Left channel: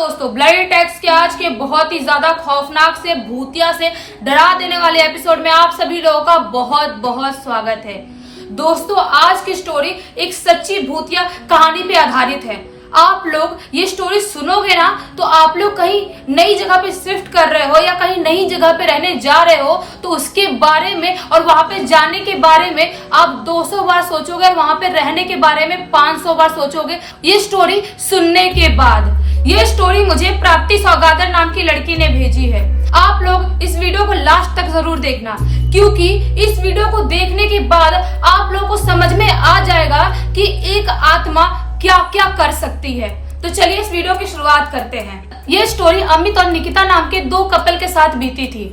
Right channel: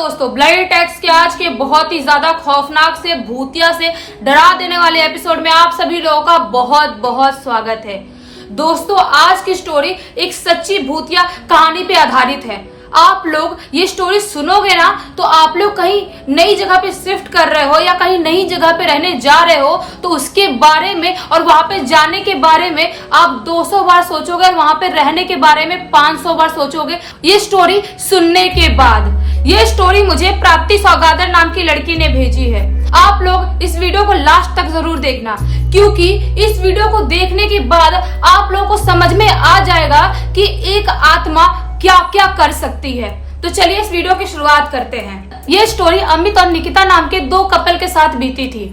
दोस्तों, bloody tax के आज के बहुत ही ज्यादा खौफनाक से भूतिया से डरा देने वाले एपिसोड में आप सभी लोगों का बहुत बहुत स्वागत है। दोस्तों, आज की स्टोरी एक सच्ची भूतिया कहानी पे आधारित है। आप लोग ये स्टोरी सुनोगे ना तो आप लोग कहीं नई जगह पे शिफ्ट कर रहे हो या कहीं नई जगह पे रहने जा रहे हो तो उसके बारे में और वहां पे जाने के बारे में आप 200 बार सोचोगे और वहां पे रहने के बारे में 500 बार सोचोगे ये स्टोरी सुनने के बाद। ये स्टोरी मुझे प्राप्ति सौगागर नाम की लड़की ने भेजी है। आप लोग इस वीडियो को लास्ट तक जरूर देखना, क्योंकि इस वीडियो को देखने के बाद आप लोगों को समझ में आ जाएगा कि एक आत्मा क्या क्या कर सकती है। तो चलिए इस वीडियो की शुरुआत करते हैं। ये स्टोरी अमित और निकिता नाम के दो कपल के साथ बीती थी।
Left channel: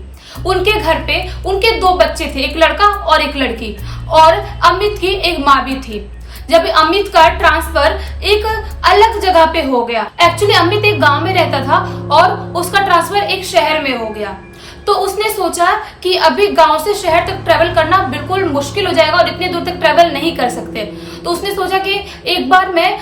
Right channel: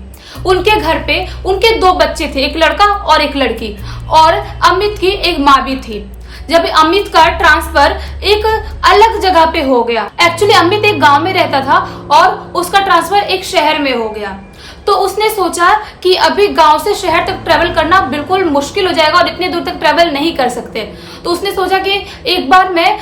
उनके घर पे उनके दो बच्चे थे, एक लड़का और एक लड़की, और अमित की एक माँ भी थी। जब अमित का ट्रांसफर एक अलग जगह पे हो गया, एक्चुअली अमित एक गांव में रहता था और उसका ट्रांसफर एक शहर में हो गया, तो उसने सोचा कि अभी गांव से शहर तक ट्रेवल करना बिल्कुल मुश्किल हो जाएगा और इतनी दूर तक ट्रेवल नहीं कर सकते। तो उसने सोचा कि एक बार मैं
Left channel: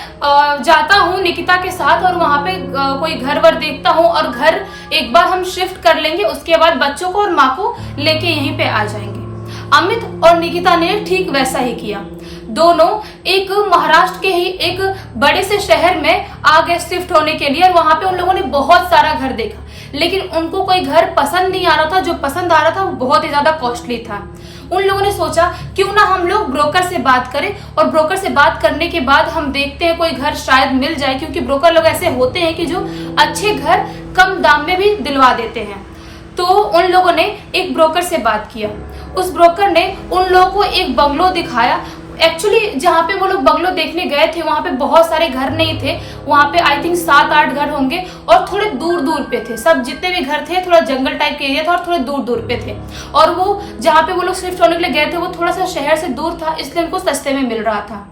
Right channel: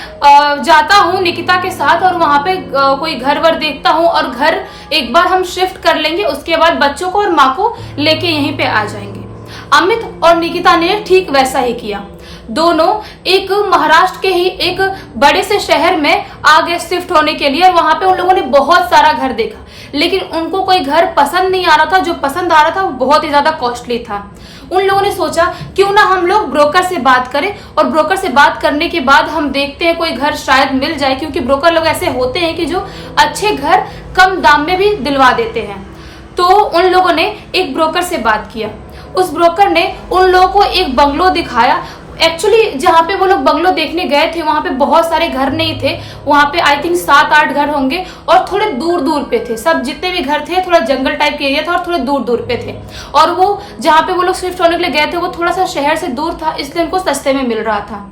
जाता हूँ निकिता के साथ और वहां पे कोई घर वर देखता हूँ और घर एक बार हम शिफ्ट कर लेंगे, उसके बाद बच्चों को और माँ को लेके यहीं पे आ जाएंगे। अमित और निकिता ने ठीक वैसा ही किया। दोनों एक महाराष्ट्र के ही एक बड़े से शहर में आ गए शिफ्ट होने के लिए और वहां पे उन लोगों ने बहुत सारा घर देखा, लेकिन उनको कोई घर पसंद नहीं आ रहा था। जो पसंद आ रहा था वो बहुत ही ज्यादा कॉस्टली था। उन लोगों ने सोचा क्यों ना हम लोग ब्रोकर से बात करें, और ब्रोकर से बात करने के बाद हम देखते हैं कोई घर शायद मिल जाए, क्योंकि ब्रोकर लोग ऐसे होते हैं कि जो अच्छे घर कम दाम में भी दिलवा देते हैं। तो उन लोगों ने एक ब्रोकर से बात किया। उस ब्रोकर ने उन लोगों को एक बंगलो दिखाया। एक्चुअली जहाँ पे वो लोग बंगलो देखने गए थे वहां पे बहुत सारे घर नहीं थे। वहां पे आई थिंक 7-8 घर होंगे और थोड़े दूर दूर पे थे। सब जितने भी घर थे थोड़ा जंगल टाइप के एरिया था और थोड़े दूर दूर पे थे। और वो जहाँ पे वो लोग शिफ्ट होने के लिए गए थे वो थोड़ा सा शहर से दूर था, इसलिए उनको सस्ते में मिल रहा था।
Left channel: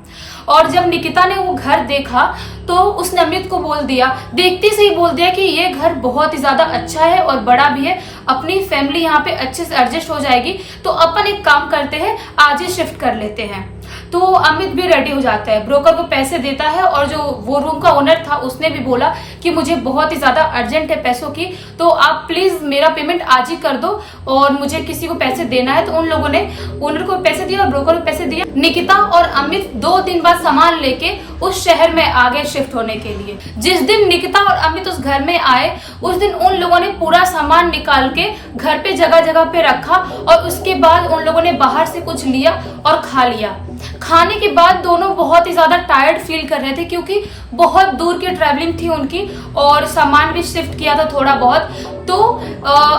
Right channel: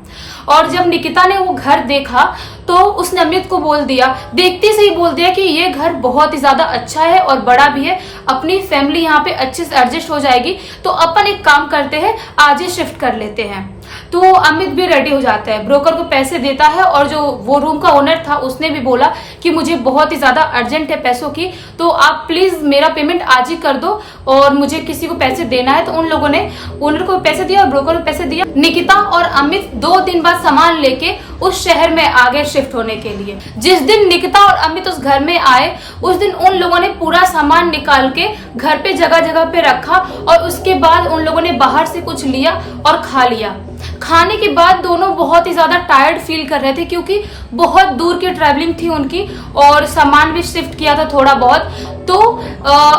और जब निकिता ने वो घर देखा तो उसने अमित को बोल दिया, देखते से ही बोल दिया कि ये घर बहुत ही ज्यादा अच्छा है और बड़ा भी है, अपनी फैमिली यहाँ पे अच्छे से एडजस्ट हो जाएगी, तो अपन एक काम करते हैं आज ही शिफ्ट कर लेते हैं। तो अमित भी रेडी हो जाता है, ब्रोकर को पैसे देता है, और जो वो रूम का ओनर था उसने भी बोला कि मुझे बहुत ही ज्यादा अर्जेंट है पैसों की, तो आप प्लीज मेरा पेमेंट आज ही कर दो और मुझे किसी को पैसे देना है। तो उन लोगों ने ओनर को पैसे दिया और ब्रोकर को पैसे दिया। निकिता और अमित 2 दिन बाद सामान लेके उस शहर में आ गए शिफ्ट होने के लिए। जिस दिन निकिता और अमित उस घर में आए उस दिन उन लोगों ने पूरा सामान निकाल के घर पे जगह जगह पे रखा, और उसके बाद उन लोगों ने बाहर से कुछ लिया और खा लिया। खाने के बाद दोनों बहुत ही ज्यादा टायर्ड फील कर रहे थे, क्योंकि बहुत दूर की ट्रैवलिंग थी उनकी और सामान भी शिफ्ट किया था थोड़ा बहुत। तो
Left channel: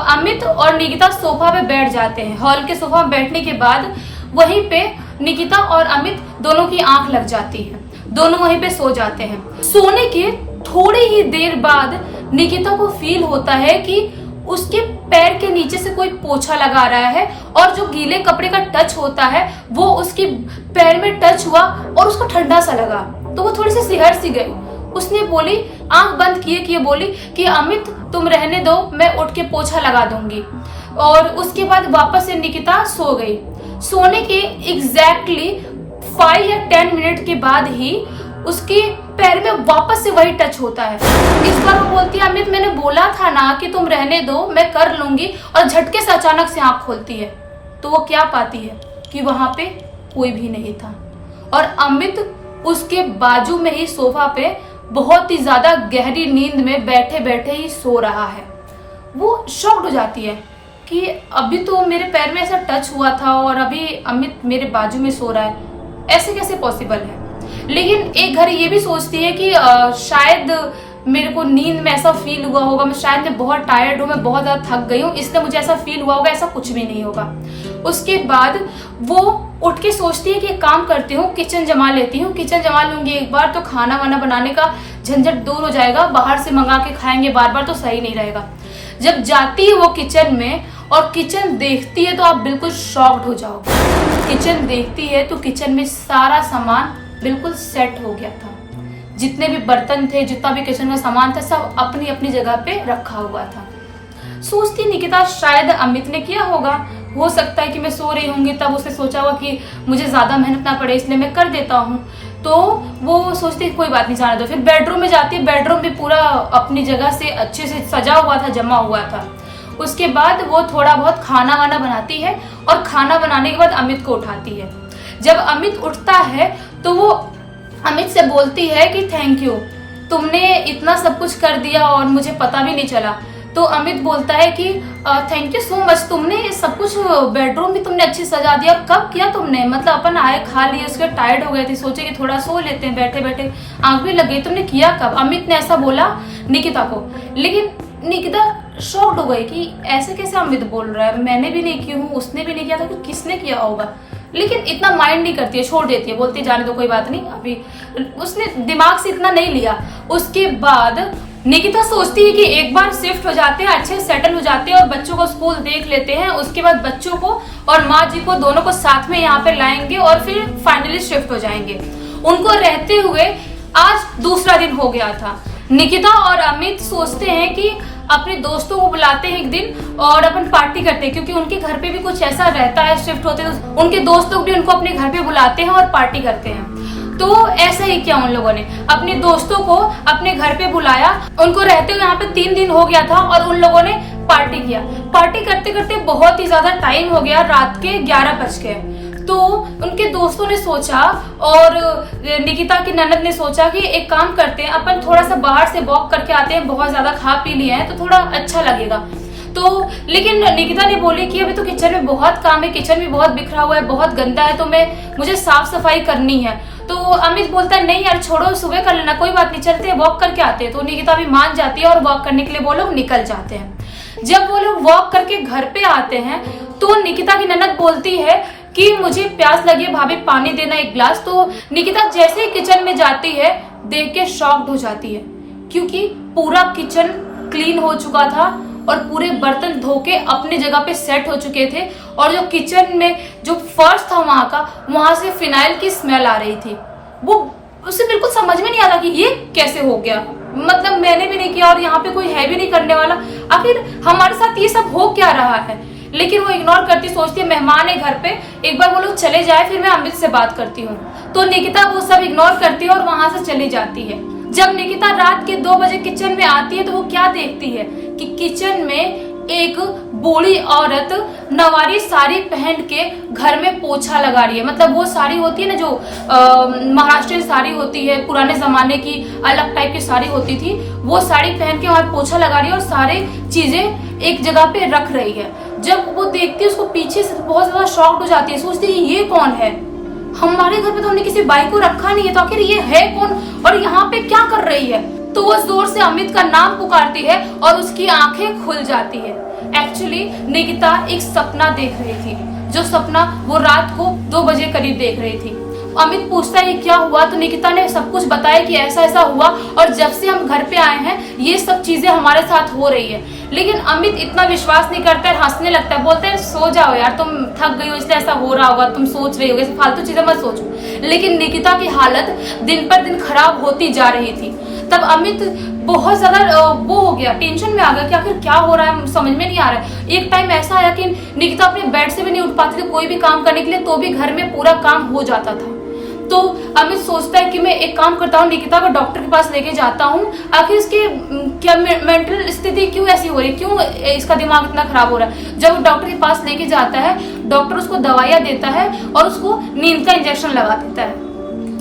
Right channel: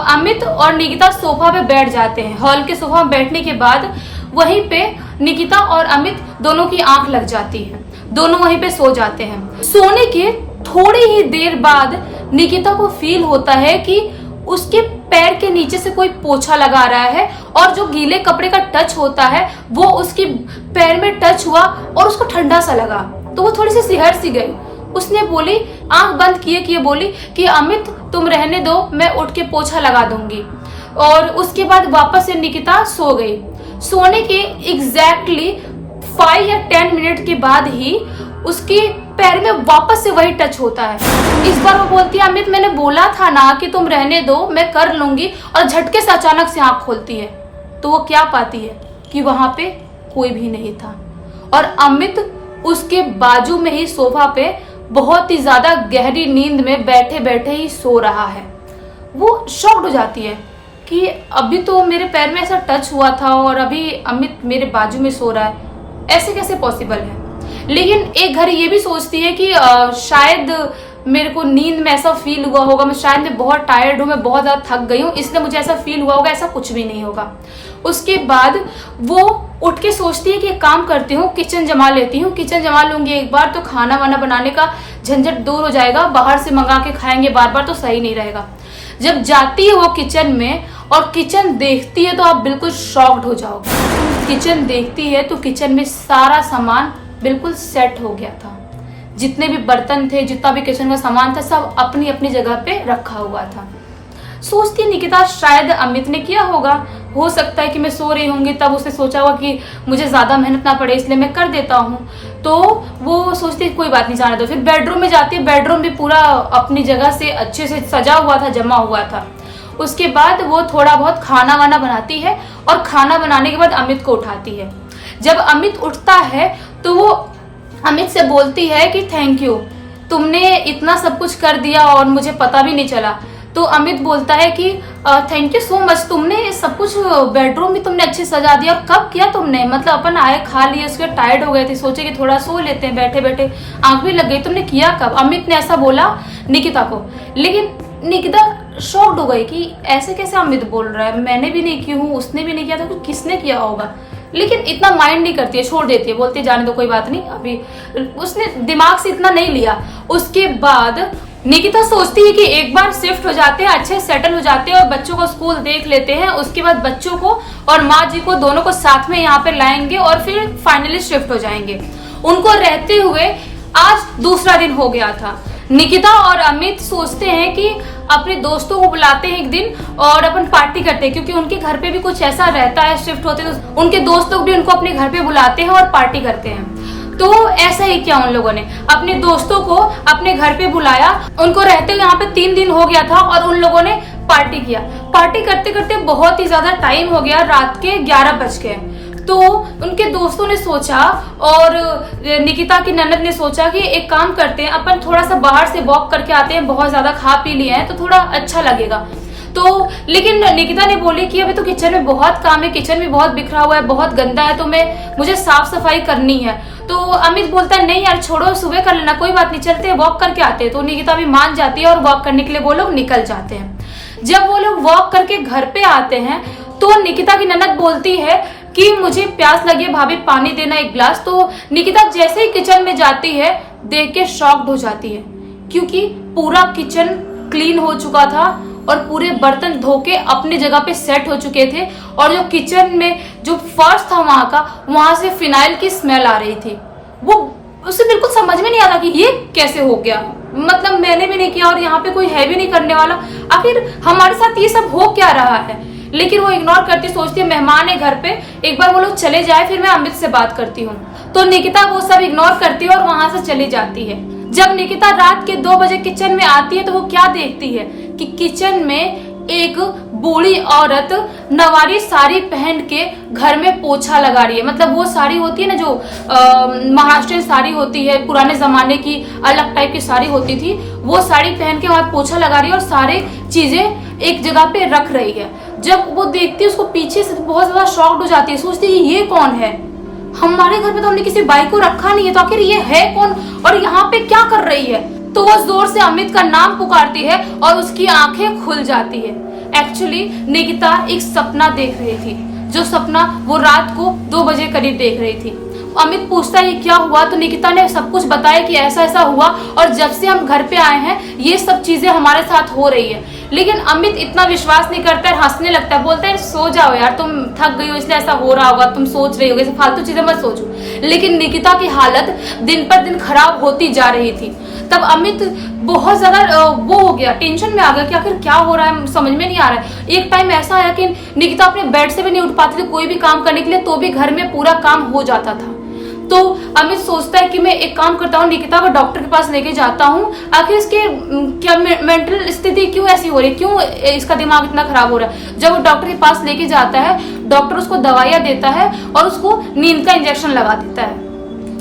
अमित और निकिता सोफा पे बैठ जाते हैं। हॉल के सोफा में बैठने के बाद वहीं पे निकिता और अमित दोनों की आंख लग जाती है, दोनों वहीं पे सो जाते हैं। सोने के थोड़ी ही देर बाद निकिता को फील होता है कि उसके पैर के नीचे से कोई पोछा लगा रहा है, और जो गीले कपड़े का टच होता है वो उसकी पैर में टच हुआ और उसको ठंडा सा लगा। तो वो थोड़ी सी सिहर सी गई। उसने बोली, आंख बंद किए बोली कि अमित तुम रहने दो, मैं उठ के पोछा लगा दूंगी। और उसके बाद वापस से निकिता सो गई। सोने के एग्जैक्टली 5 या 10 मिनट के बाद ही उसकी पैर में वापस से वही टच होता है। इस बार वो बोलती है, अमित मैंने बोला था ना कि तुम रहने दो, मैं कर लूंगी, और झटके से अचानक से आंख खोलती है तो वो क्या पाती है कि वहां पे कोई भी नहीं था, और अमित उसके बाजू में ही सोफा पे बहुत ही ज्यादा गहरी नींद में बैठे बैठे ही सो रहा है। वो शॉक्ड हो जाती है कि अभी तो मेरे पैर में ऐसा टच हुआ था और अभी अमित मेरे बाजू में सो रहा है, ऐसे कैसे पॉसिबल है। लेकिन एक घर ये भी सोचती है कि शायद मेरे को नींद में ऐसा फील हुआ होगा, मैं शायद मैं बहुत टायर्ड हूँ, मैं बहुत ज्यादा थक गई हूँ, इसलिए मुझे ऐसा फील हुआ होगा। ऐसा कुछ भी नहीं होगा। उसके बाद वो उठ के सोचती है कि एक काम करती हूँ, किचन जमा लेती हूँ, किचन जमा लूंगी एक बार तो खाना वाना बनाने का झंझट दूर हो जाएगा, बाहर से मंगा के खाएंगे बार बार तो सही नहीं रहेगा। जब जाती है वो किचन में और किचन देखती है तो आप बिल्कुल शॉक्ड हो जाओगे। किचन देखती है तो किचन में सारा सामान बिल्कुल सेट हो गया था। जितने भी बर्तन थे, जितना भी किचन का सामान था, सब अपनी अपनी जगह पे रखा हुआ था। सोचती निकिता शायद अमित ने किया होगा, हो सकता है कि मैं सो रही होंगी तब उसने सोचा होगा कि मुझे ज्यादा मेहनत ना पड़े इसलिए मैं कर देता हूँ। तो वो सोचती है कोई बात नहीं, जाने दो। फिर बेडरूम में जाती है, बेडरूम भी पूरा अपनी जगह से अच्छे से सजा हुआ था, जमा हुआ था। उसके बाद वो थोड़ा बहुत खाना वाना बनाती है और खाना बनाने के बाद अमित को उठाती है। जब अमित उठता है तो वो अमित से बोलती है कि थैंक यू, तुमने इतना सब कुछ कर दिया और मुझे पता भी नहीं चला। तो अमित बोलता है कि थैंक यू सो मच, तुमने सब कुछ, बेडरूम भी तुमने अच्छे सजा दिया। कब किया तुमने? मतलब अपन आए, खा लिए, उसके टायर्ड हो गए थे, सोचे कि थोड़ा सो लेते हैं, बैठे बैठे आंख भी लग गई, तुमने किया कब? अमित ने ऐसा बोला निकिता को। लेकिन निकिता शॉक्ड हो गई कि ऐसे कैसे अमित बोल रहा है, मैंने भी नहीं की हूँ, उसने भी नहीं किया था, तो किसने किया होगा। लेकिन इतना माइंड नहीं करती है, छोड़ देती है, बोलती है जाने दो कोई बात नहीं, अभी उसने दिमाग से इतना नहीं लिया। उसके बाद निकिता सोचती है कि एक बार शिफ्ट हो जाते हैं, अच्छे सेटल हो जाते हैं और बच्चों को स्कूल देख लेते हैं, उसके बाद बच्चों को और माँ जी को दोनों को साथ में यहाँ पे लाएंगे और फिर फाइनली शिफ्ट हो जाएंगे। उनको रहते हुए आज दूसरा दिन हो गया था। निकिता और अमित सोचते हैं कि अपने दोस्तों को बुलाते हैं एक दिन और अपन पार्टी करते हैं, क्योंकि उनके घर पे भी कुछ ऐसा रहता है, शिफ्ट होते हैं तो उनके दोस्त लोग भी उनको अपने घर पे बुलाते हैं और पार्टी करते हैं। तो ऐसा ही किया उन लोगों ने, अपने दोस्तों को अपने घर पे बुलाया। उनको रहते हुए यहाँ पे 3 दिन हो गया था और उन लोगों ने पार्टी किया। पार्टी करते करते बहुत ही ज्यादा टाइम हो गया, रात के 11 बज गए। तो उनके दोस्तों ने सोचा और निकिता की ननद ने सोचा कि एक काम करते हैं, अपन थोड़ा सा बाहर से वॉक करके आते हैं, बहुत ज्यादा खा पी लिए हैं तो थोड़ा अच्छा लगेगा। तो लेकिन निकिता ने बोली कि अभी तो किचन में बहुत काम है, किचन भी बहुत बिखरा हुआ है, बहुत गंदा है, तो मुझे साफ सफाई करनी है। तो अमित बोलता है नहीं यार छोड़ो, सुबह कर लेना, कोई बात नहीं, चलते हैं वॉक करके आते हैं। तो निकिता भी मान जाती है और वॉक करने के लिए वो लोग निकल जाते हैं। जब वो लोग वॉक करके घर पे आते हैं तो निकिता की ननद बोलती है कि मुझे प्यास लगी है भाभी, पानी देना 1 गिलास। तो निकिता जैसे ही किचन में जाती है देख के शॉक्ड हो जाती है, क्योंकि पूरा किचन क्लीन हो चुका था और पूरे बर्तन धो के अपनी जगह पे सेट हो चुके थे और जो किचन में जो फर्श था वहां से फिनाइल की स्मेल आ रही थी। वो उसे बिल्कुल समझ में नहीं आता कि ये कैसे हो गया, मतलब मैंने भी नहीं किया और यहाँ पे कोई है भी नहीं करने वाला, आखिर हमारे साथ ये सब हो क्या रहा है। लेकिन वो इग्नोर करती, सोचती है मेहमान है घर पे, एक बार वो लोग चले जाए फिर मैं अमित से बात करती हूँ। तो निकिता वो सब इग्नोर करती है और वहां से चली जाती है। जब निकिता रात के 2 बजे किचन में आती है तो वो क्या देखती है कि किचन में एक बूढ़ी औरत नवारी साड़ी पहन के घर में पोछा लगा रही है। मतलब वो साड़ी होती है ना जो महाराष्ट्रीयन साड़ी होती है, पुराने जमाने की अलग टाइप की साड़ी होती थी, वो साड़ी पहन के वहां पोछा लगा रही है और सारी चीजें एक जगह पे रख रही है। जब वो देखती है उसको पीछे से बहुत ज्यादा शॉक्ड हो जाती है, सोचती है ये कौन है, हमारे घर पे तो हमने किसी बाई को रखा नहीं है, तो आखिर ये है कौन और यहाँ पे क्या कर रही है। तो वो जोर से अमित का नाम पुकारती है और उसकी आंखें खुल जाती है। एक्चुअली निकिता एक सपना देख रही थी, जो सपना वो रात को 2 बजे करीब देख रही थी। अमित पूछता है क्या हुआ, तो निकिता ने सब कुछ बताया कि ऐसा ऐसा हुआ और जब से हम घर पे आए हैं ये सब चीजें हमारे साथ हो रही है। लेकिन अमित इतना विश्वास नहीं करता है, हंसने लगता है, बोलते हैं सो जाओ यार, तुम थक गई हो इसलिए ऐसा हो रहा होगा, तुम सोच रही होगी, फालतू चीजें मत सोचो। लेकिन निकिता की हालत दिन पर दिन खराब होती जा रही थी। तब अमित बहुत ज्यादा वो हो गया, टेंशन में आ गया कि आखिर क्या हो रहा है, समझ में नहीं आ रहा है। एक टाइम ऐसा आया कि निकिता अपने बेड से भी नहीं उठ पाती थी कोई भी काम करने के लिए, तो भी घर में पूरा काम हो जाता था। तो अमित सोचता है कि मैं एक काम करता हूँ, निकिता को डॉक्टर के पास लेके जाता हूँ, आखिर इसकी क्या मेंटल स्थिति क्यों ऐसी हो रही है, क्यों इसका दिमाग इतना खराब हो रहा है। जब वो डॉक्टर के पास लेके जाता है, डॉक्टर उसको दवाइयाँ देता है और उसको नींद का इंजेक्शन लगा देता है।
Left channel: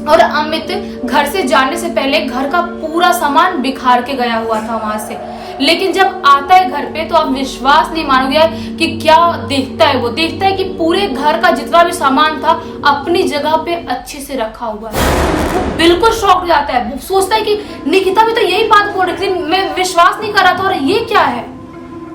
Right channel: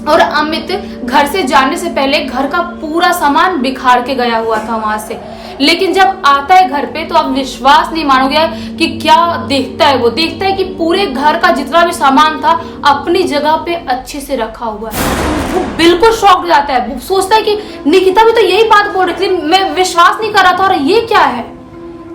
और अमित घर से जाने से पहले घर का पूरा सामान बिखार के गया हुआ था वहां से। लेकिन जब आता है घर पे तो आप विश्वास नहीं मानोगे कि क्या देखता है। वो देखता है कि पूरे घर का जितना भी सामान था अपनी जगह पे अच्छे से रखा हुआ है। वो बिल्कुल शॉक हो जाता है, वो सोचता है कि निकिता भी तो यही बात बोल रही थी, मैं विश्वास नहीं कर रहा था और ये क्या है।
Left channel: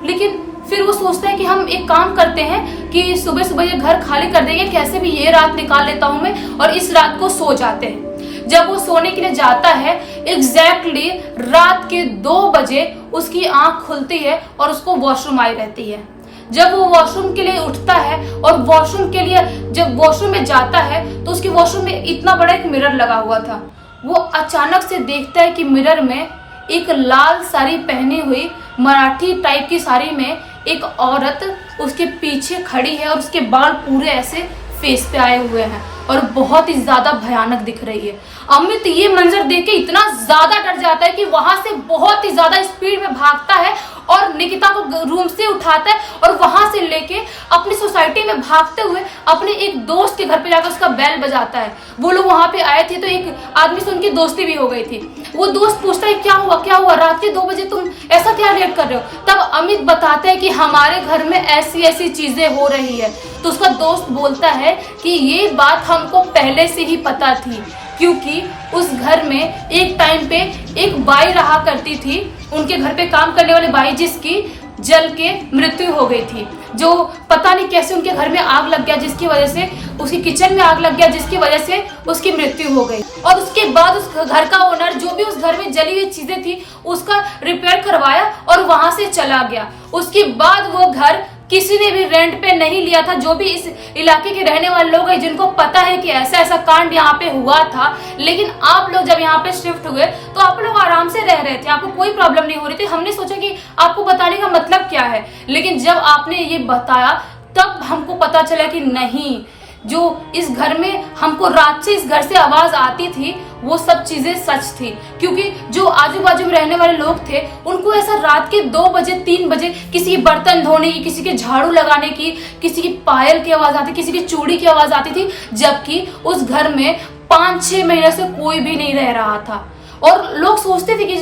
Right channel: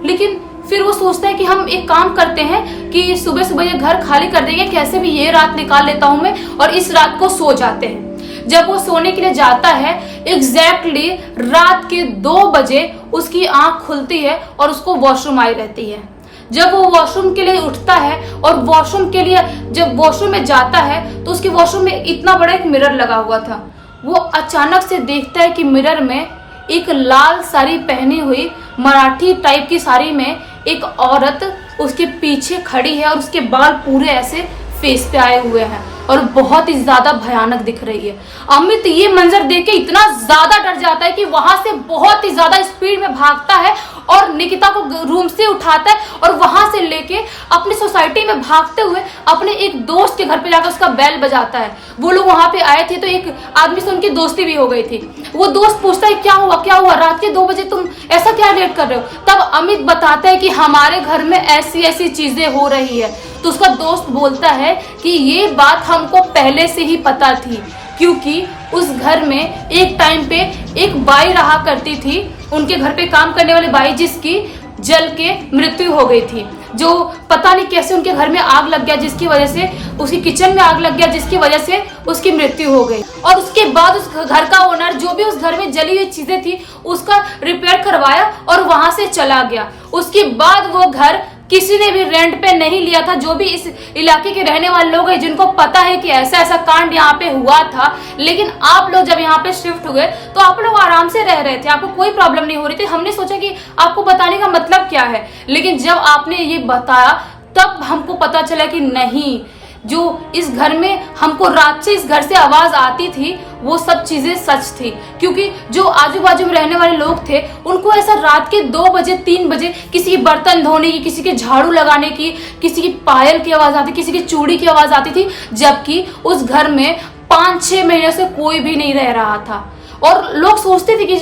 लेकिन फिर वो सोचता है कि हम एक काम करते हैं कि सुबह सुबह ये घर खाली कर देंगे, कैसे भी ये रात निकाल लेता हूं मैं, और इस रात को सो जाते हैं। जब वो सोने के लिए जाता है, एग्जैक्टली रात के 2 बजे उसकी आंख खुलती है और उसको वॉशरूम आई रहती है। जब वो वॉशरूम के लिए उठता है और वॉशरूम के लिए जब वॉशरूम में जाता है तो उसके वॉशरूम में इतना बड़ा एक मिरर लगा हुआ था। वो अचानक से देखता है कि मिरर में एक लाल साड़ी पहनी हुई मराठी टाइप की साड़ी में एक औरत उसके पीछे खड़ी है और उसके बाल पूरे ऐसे फेस पे आए हुए हैं और बहुत ही ज्यादा भयानक दिख रही है। अमित ये मंजर देख के इतना ज्यादा डर जाता है कि वहां से बहुत ही ज्यादा स्पीड में भागता है और निकिता को रूम से उठाता है और वहां से लेके अपनी सोसाइटी में भागते हुए अपने एक दोस्त के घर पे जाकर उसका बेल बजाता है। वो लोग वहां पे आए थे तो एक आदमी से उनकी दोस्ती भी हो गई थी। वो दोस्त पूछता है क्या हुआ रात के 2 बजे तुम ऐसा क्या रिएक्ट कर रहे हो। तब अमित बताता है कि हमारे घर में ऐसी ऐसी चीजें हो रही है। तो उसका दोस्त बोलता है कि ये बात हमको पहले से ही पता थी, क्योंकि उस घर में एक टाइम पे एक बाई रहा करती थी, उनके घर पे काम करने वाली बाई, जिसकी जल के मृत्यु हो गई थी। जो पता नहीं कैसे उनके घर में आग लग गया, जिसकी वजह से उसकी किचन में आग लग गया, जिसकी वजह से उसकी मृत्यु हो गई। और उसके बाद उस घर का ओनर जो भी उस घर में जली हुई चीजें थी उसका रिपेयर करवाया और वहां से चला गया। उसके बाद वो घर किसी ने भी रेंट पे नहीं लिया था। जो भी इस इलाके के रहने वाले लोग हैं जिनको पता है कि ऐसा ऐसा कांड यहाँ पे हुआ था, लेकिन आप लोग जब यहाँ पे शिफ्ट हुए तो आप लोग आराम से रह रहे थे, आपको कोई प्रॉब्लम नहीं हो रही थी। हमने सोचा कि आपको बताने का मतलब क्या है, लेकिन जब आपने ये बताया तब हमको पता चला कि नहीं, जो इस घर में हमको रात से इस घर से आवाज आती थी वो सब चीजें सच थी। क्योंकि जो आजू बाजू में रहने वाले लोग थे उनको ऐसा रात के 2 बजे 3 बजे किसी की बर्तन धोने की, किसी के झाड़ू लगाने की, किसी की पायल की आवाज आती, किसी की चूड़ी की आवाज आती थी, जबकि उस घर में 5-6 महीने से कोई भी नहीं रह रहा था। और लोग सोचते थे कि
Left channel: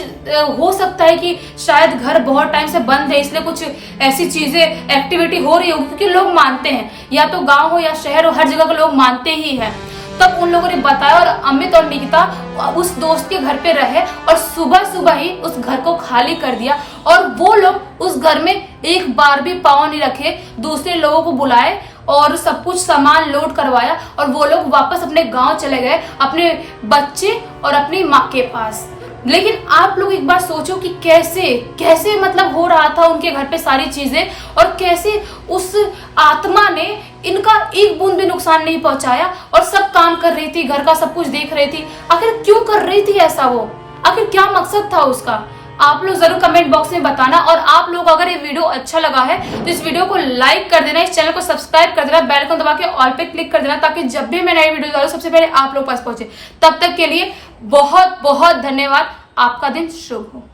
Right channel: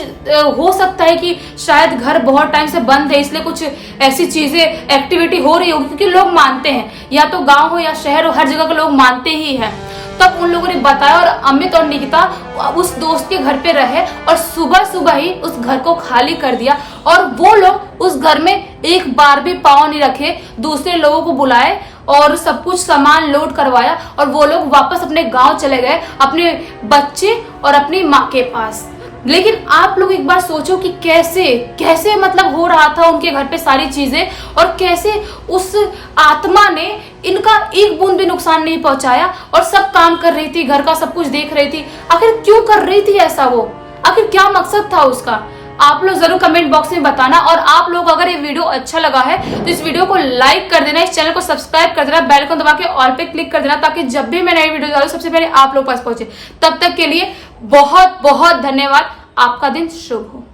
हो सकता है कि शायद घर बहुत टाइम से बंद है इसलिए कुछ ऐसी चीजें एक्टिविटी हो रही है, क्योंकि लोग मानते हैं, या तो गांव हो या शहर हो, हर जगह के लोग मानते ही हैं। तब उन लोगों ने बताया और अमित और निकिता उस दोस्त के घर पे रहे और सुबह सुबह ही उस घर को खाली कर दिया। और वो लोग उस घर में एक बार भी पाँव नहीं रखे, दूसरे लोगों को बुलाए और सब कुछ सामान लोड करवाया और वो लोग वापस अपने गांव चले गए, अपने बच्चे और अपनी माँ के पास। लेकिन आप लोग एक बार सोचो कि कैसे मतलब हो रहा था उनके घर पे सारी चीजें, और कैसे उस आत्मा ने इनका एक बूंद भी नुकसान नहीं पहुंचाया और सब काम कर रही थी, घर का सब कुछ देख रही थी। आखिर क्यों कर रही थी ऐसा वो, आखिर क्या मकसद था उसका? आप लोग जरूर कमेंट बॉक्स में बताना। और आप लोग अगर ये वीडियो अच्छा लगा है तो इस वीडियो को लाइक कर देना, इस चैनल को सब्सक्राइब कर देना, बेल आइकन दबा के ऑल पे क्लिक कर देना, ताकि जब भी मैं नई वीडियो डालूं सबसे पहले आप लोग पास पहुंचे। तब तक के लिए बहुत बहुत धन्यवाद। आपका दिन शुभ हो।